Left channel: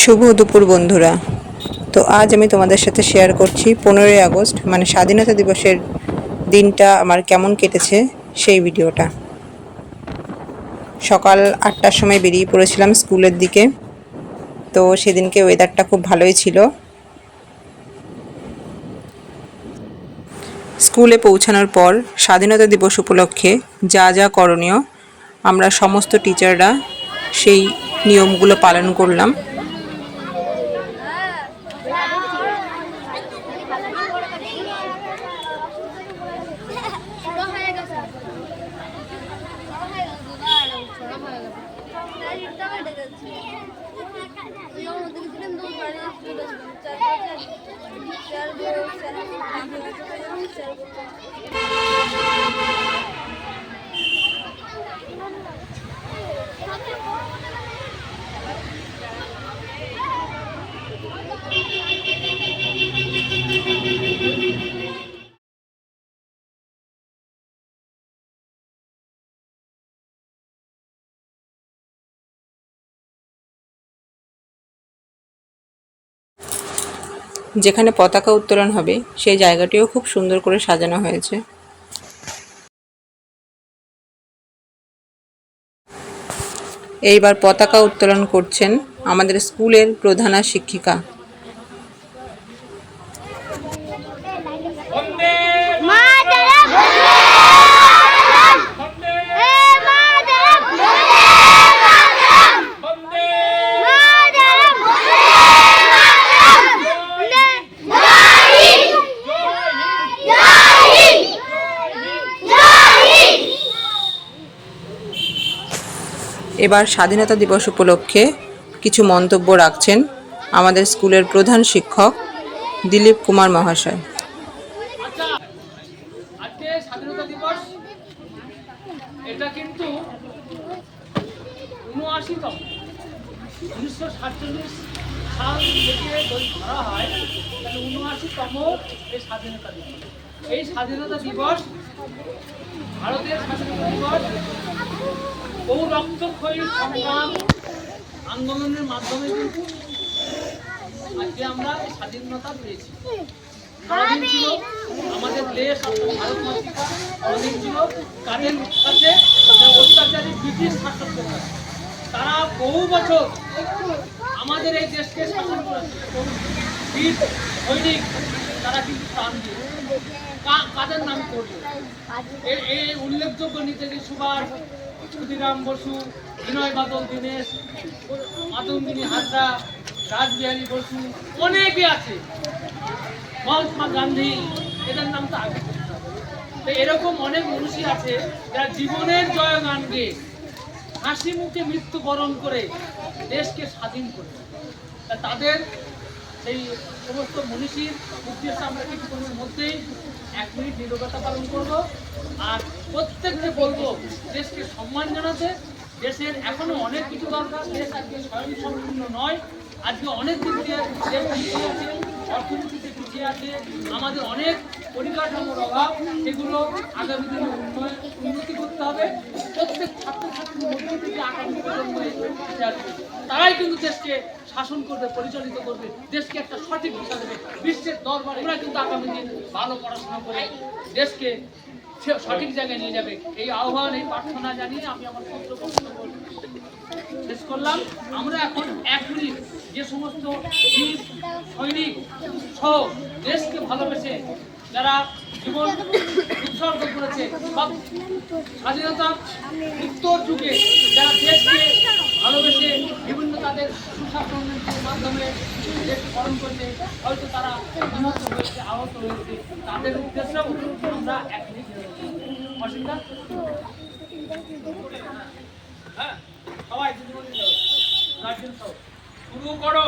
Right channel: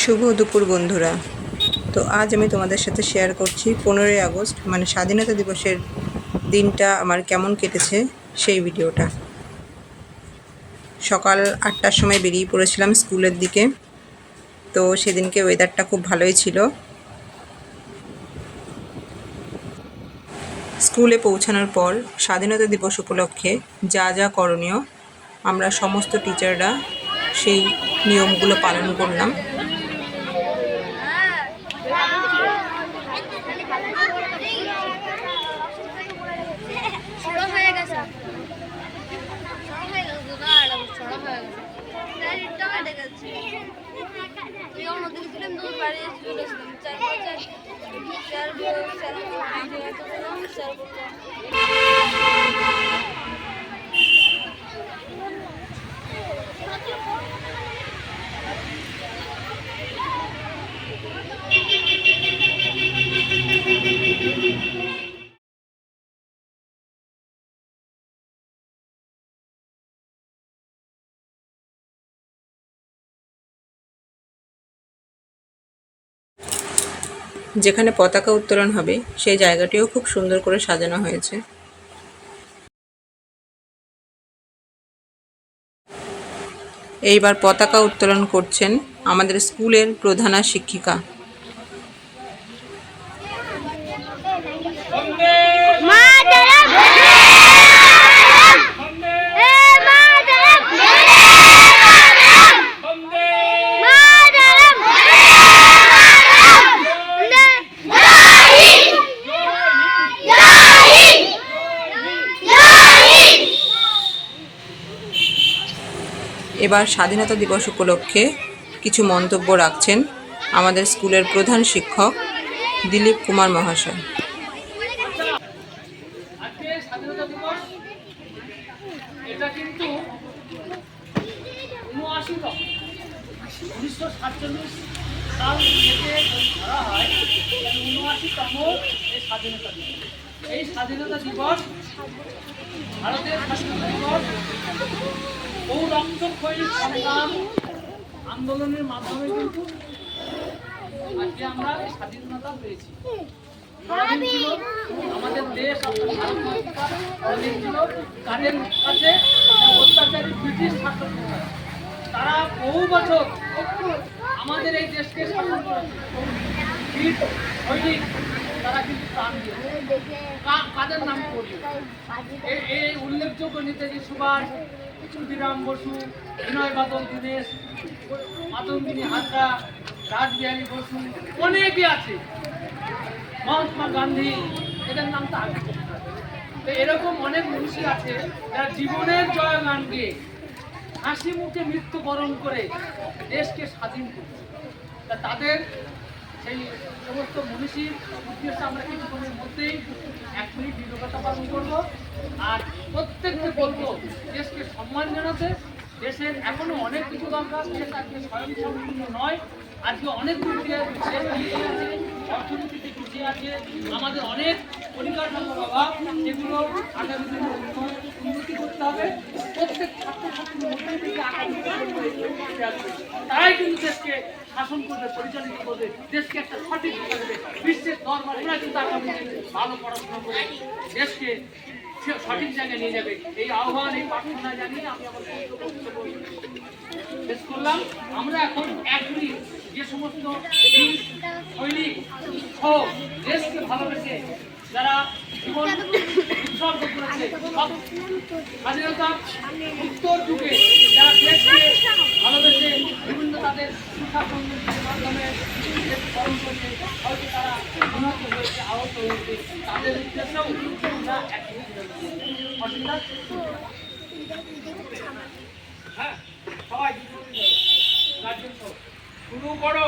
শুভ দুপুর বন্ধুরা। তো আজ আমি তোমাদের সাথে শেয়ার করছি পনেরোই আগস্ট মানে স্বাধীনতা দিবসের দিনটা আমার কেমন কেটেছে সেই ভিডিওটা। সকাল আটটার সময় বেরিয়ে পড়েছিলাম স্কুলের দিকে। তো সেদিনকে ওয়েদারটা খুব ভালোই ছিল। স্কুলে পৌঁছানোর পর স্বাধীনতা দিবস উপলক্ষে যা যা করণীয়, আমরা সমস্ত টিচাররা সেই নিয়মগুলো পালন করলাম। सर्व सर्व सर्व যেখানে পতাকা উত্তোলন হবে, সেই জায়গাটিও খুব সুন্দর করে সাজানো হয়েছে। এইবার পতাকা উত্তোলন করছেন আমাদের স্কুলের প্রধানা শিক্ষিকা। এবার স্বাধীনতা দিবস উপলক্ষে কিছু মন্তব্য রাখছেন আমাদের স্কুলের প্রধান শিক্ষক দিলীপ কুমার মহাশয়। স্বাধীনতা দিবস। এই স্বাধীনতা দিবস, ভারতের স্বাধীনতা দিবস বহু রক্তক্ষয়ী আন্দোলনের মাধ্যমে কিন্তু আজকে আমরা স্বাধীনতা পেয়েছি। পরাধীন ছিল আমাদের দেশ ভারত মাতৃকা পরাধীন ছিল কাদের কাছে? অত্যাচারী ব্রিটিশ শাসকদের কাছে। তারা বহু বছর আমাদের এই দেশকে শাসন করেছে তারা কিন্তু প্রাণ দিয়ে কাদের নাম এই এই উল্লেখযোগ্য নেতাজি সুভাষ ক্ষুদিরাম বসু, বিনয় বাদল দীনেশ, মাতঙ্গিনী হাজরা, রাজবিহারী বসু, অনেকে আছে। মহাত্মা গান্ধী, এদের নাম তো আগে তো এরকম অনেক মনীষী আছে, যারা জীবনের জয়গান গেয়ে হাসি মুখে মৃত্যুবরণ করে দেশকে স্বাধীন করেছে। তা তাদের সেই সমস্ত মনীষীর উদ্দেশ্যে আমরা কিছুক্ষণের মধ্যেই এক মিনিট নিরবতা পালন করব আর প্রত্যেককে বলব, দেশকে সম্মান জানাতে। দেশের এখনও অনেক কিছু দরকার, দেশ আজকে স্বয়ংসম্পূর্ণ নয়, আজকে অনেক দিক দিয়ে দেশ পিছিয়ে আছে, অর্থনীতিতে পিছিয়ে আছে, আমাদের অনেক পরিকাঠামোর অভাব, সেগুলো আগামী দিনে উন্নতি করতে হবে। প্রত্যেক ছাত্রছাত্রীর মধ্যে থেকে আগামী প্রজন্ম তারাই কিন্তু দেশকে শাসন করবে, পরিচালিত করবে, দেশকে একটা সঠিক বিশ্বের দরবারে ওরা কিন্তু আগামী ভালো পড়াশোনা করে দেশকে সঠিক জায়গায় নিয়ে যাবে। এই আহ্বান, এই প্রার্থনা জানিয়ে আমি আমার শেষ করলাম। আমরা এখন এক মিনিট যে সমস্ত সৈনিক সহ দেশকে ভালোবেসে যারা জীবন উৎসর্গ করেছে, সব স্বাধীনতা উত্তর যুগে যারা তাদের সুশাসনের মাধ্যমে পালন করবে হয়তো তারা নিহত হয়েছে, আহত হয়েছে, তাদের উদ্দেশ্যেও আমরা অসুবিধা? হ্যাঁ সবাই শুরু করো।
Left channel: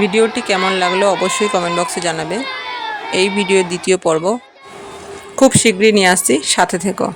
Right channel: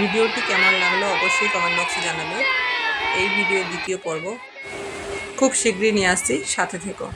ভিডিওটি কেমন লাগল অবশ্যই কমেন্ট বক্সে জানাবে। এই ভিডিওর দ্বিতীয় পর্ব খুব শীঘ্রই নিয়ে আসছি। সাথে থেকো।